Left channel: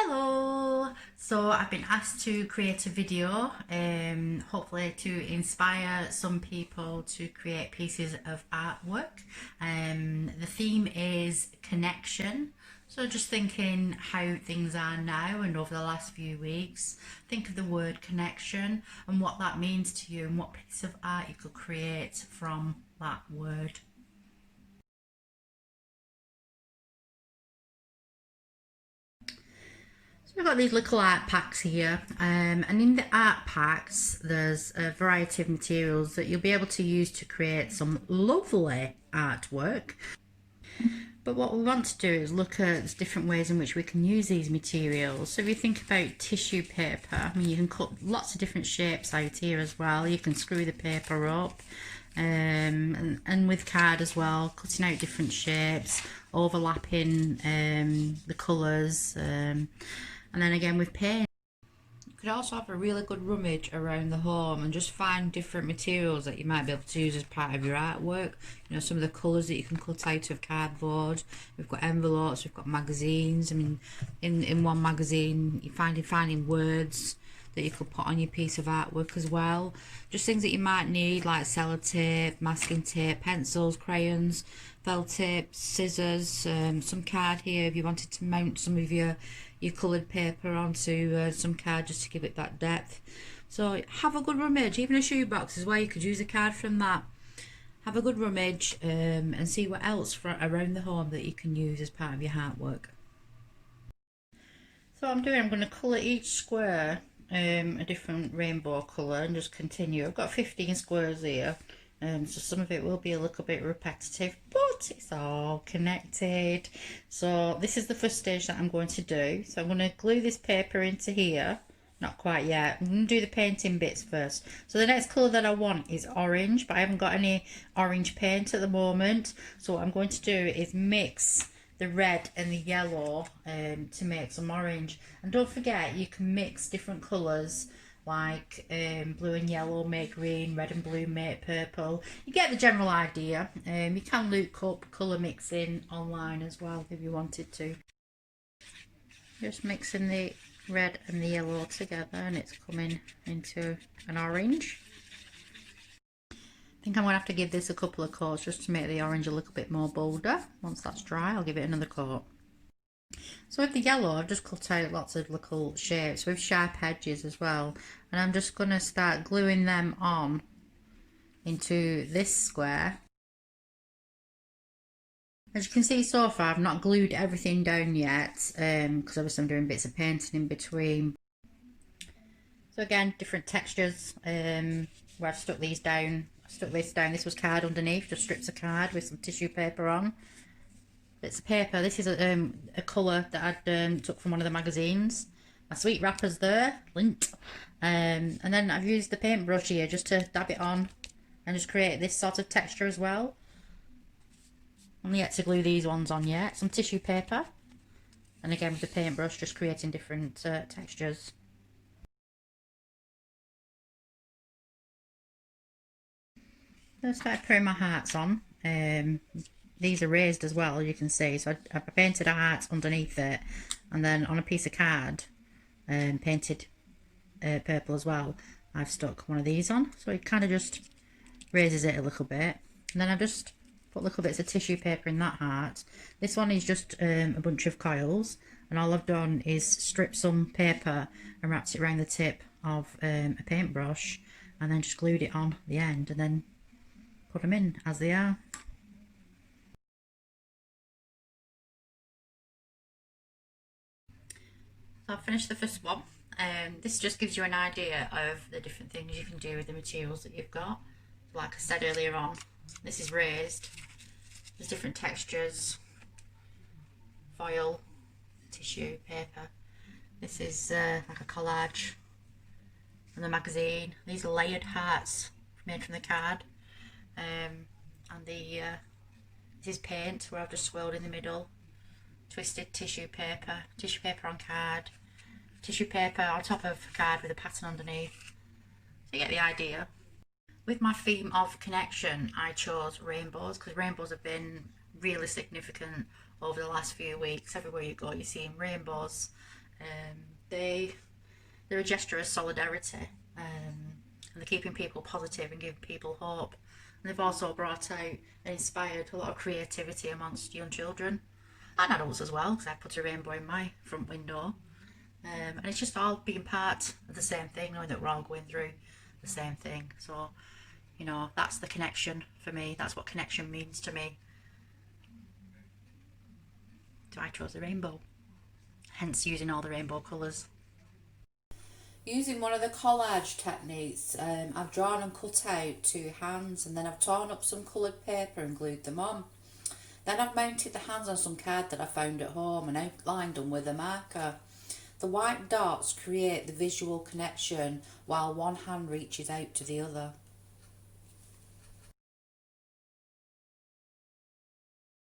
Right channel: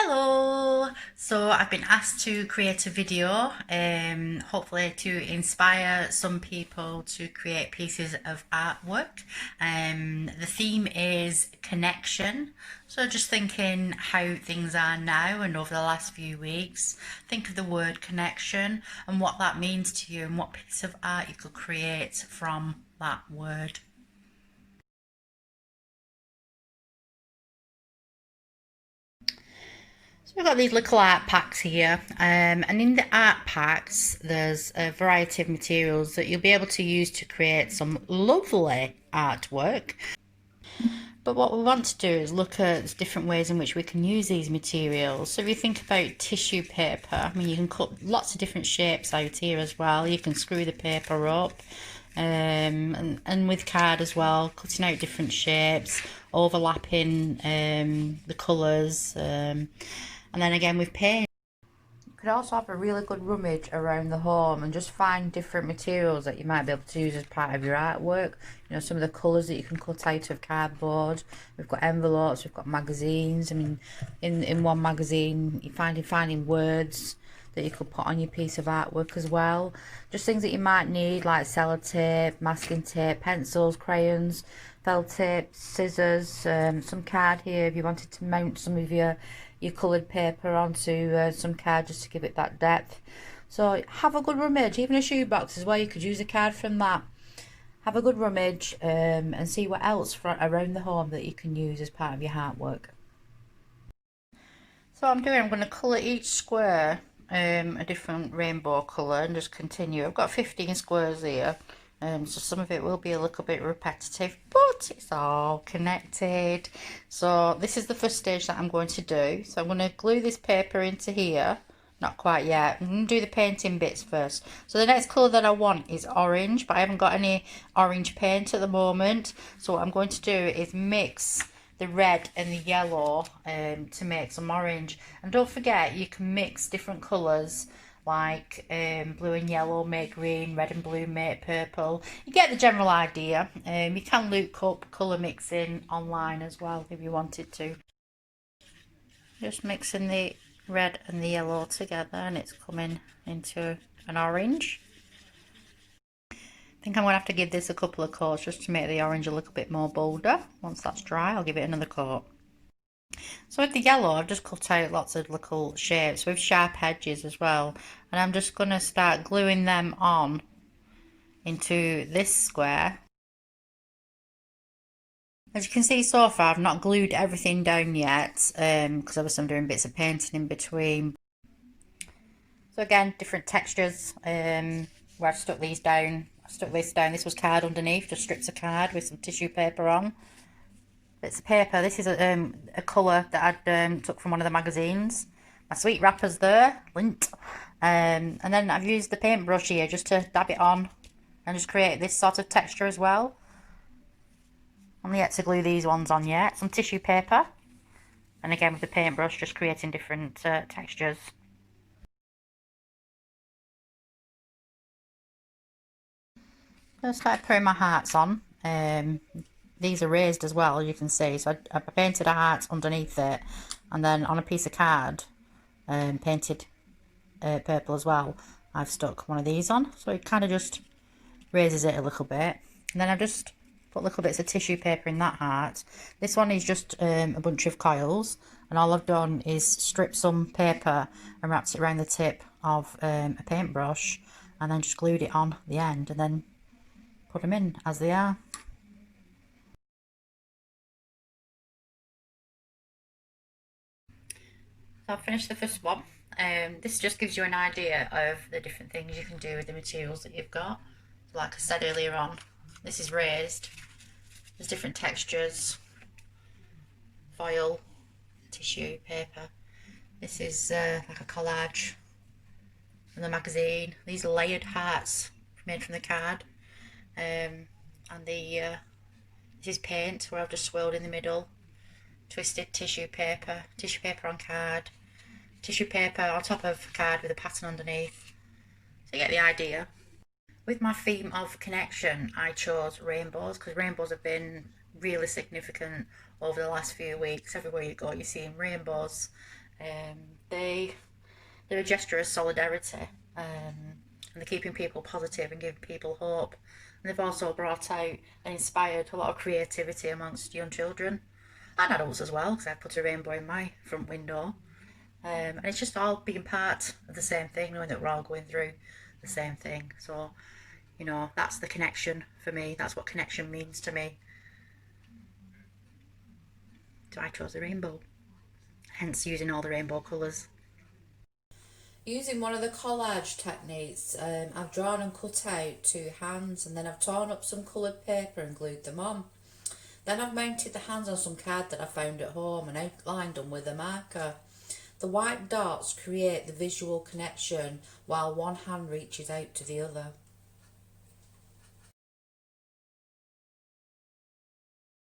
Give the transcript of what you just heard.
Hello! So I've been asked to create a video, hopefully to inspire some people to create pieces of artwork. The theme is connection. So just thinking how things are now and over the last few weeks, think of the word connection and what that means to you and what piece of art you could create from that word. So we've got these little art packs here, and in the art packs there's a variety of materials that you'll be able to use to create some lovely artwork. But what we want to do is look at different ways in which we can use these materials. So if you think about tissue paper, I mean, you can cut lots of different shapes out here as well. You can screw the paper up, and with card as well, cutting out different shapes, overlapping the colours, and then again with paint. You could also have a really good rummage around the home and just find different materials that you might be able to use as part of your artwork. You know, some of the colours that you can cut out of cardboard. We've got envelopes, we've got magazines. I mean, in one magazine you're finding words that you could put on your piece of artwork as well. Just things that you might need like sellotape, masking tape, pencils, crayons, felt tape, scissors, some card here if you wanted to mount some of your coloured paper onto some card just to give it that depth. So have a good rummage. Even a shoebox as well, you could use a card from that. Have a good rummage and see what else around the home that you can use as part of your artwork. So I'm going to colour each square a different rainbow colour and just continue. I've got 15 squares here, so some of it will be a little bit repetitive, but it's all connected. So this is the first stage that I'm going to do. So I'm going to glue this paper into here. Not quite yet. I'm going to do the painting bits first. So the next colour that I want is orange, but I haven't got any orange paint at the moment. So what I'm going to do is mix the red and the yellow to make some orange. And don't forget, you can mix different colours like blue and yellow make green, red and blue make purple. You get the general idea. You can look up colour mixing online as well if you wanted to. Just mixing the red and the yellow together and it's coming into an orange. I think I'm going to have to give this a couple of coats just to make the orange a little bit more bolder. Once that's dry, I'll give it another coat. So with the yellow, I've just cut out lots of little shapes with sharp edges as well. And I'm just going to start gluing them on into this square. As you can see so far, I've not glued everything down yet, because obviously I'm doing bits of painting in between. So again, different textures, where I've stuck these down. I stuck this down, this was card underneath, just strips of card with some tissue paper on. Bits of paper, this is a colour that I'd took from one of the magazines. My sweet wrapper's there, lint. And then I've used the paintbrush here just to dab it on and just create this sort of texture as well. Only yet to glue these ones on yet. Some tissue paper. And again with the paintbrush, just creating different textures. I started putting my hearts on. These are raised as well, you can see. So I painted a heart underneath it, and then on a piece of card, painted purple as well. I've stuck one of these on, so it kind of just raises it a little bit. And then I've just put little bits of tissue paper in that heart. This one is just a bunch of coils, and all I've done is strip some paper and wrapped it around the tip of a paintbrush, and then just glued it on the end, and then put them in as they are. So I've finished the first one. This just gives you an idea of the different things you can do with the materials that you've got. Like I said earlier on, this is raised. There's different textures, foil, tissue, paper. This is like a collage from the magazine. These are layered hearts made from the card. And this is paint where I've just swirled in the middle. Twisted tissue paper on card, tissue paper on top of card with a pattern underneath. So you get the idea. With my theme of connection, I chose rainbows because rainbows have been really significant over the last few weeks. Everywhere you go, you're seeing rainbows. They're a gesture of solidarity, and they're keeping people positive and giving people hope. And they've also brought out and inspired a lot of creativity amongst young children and adults as well, because I put a rainbow in my front window. And it's just all being part of the same thing, knowing that we're all going through the same thing. So, that's the connection for me. That's what connection means to me. So I chose the rainbow, hence using all the rainbow colours. Using one of the collage techniques, I've drawn and cut out 2 hands, and then I've torn up some coloured paper and glued them on. Then I've mounted the hands on some card that I found at home and outlined them with a marker. The white dots create the visual connection while one hand reaches out to the other.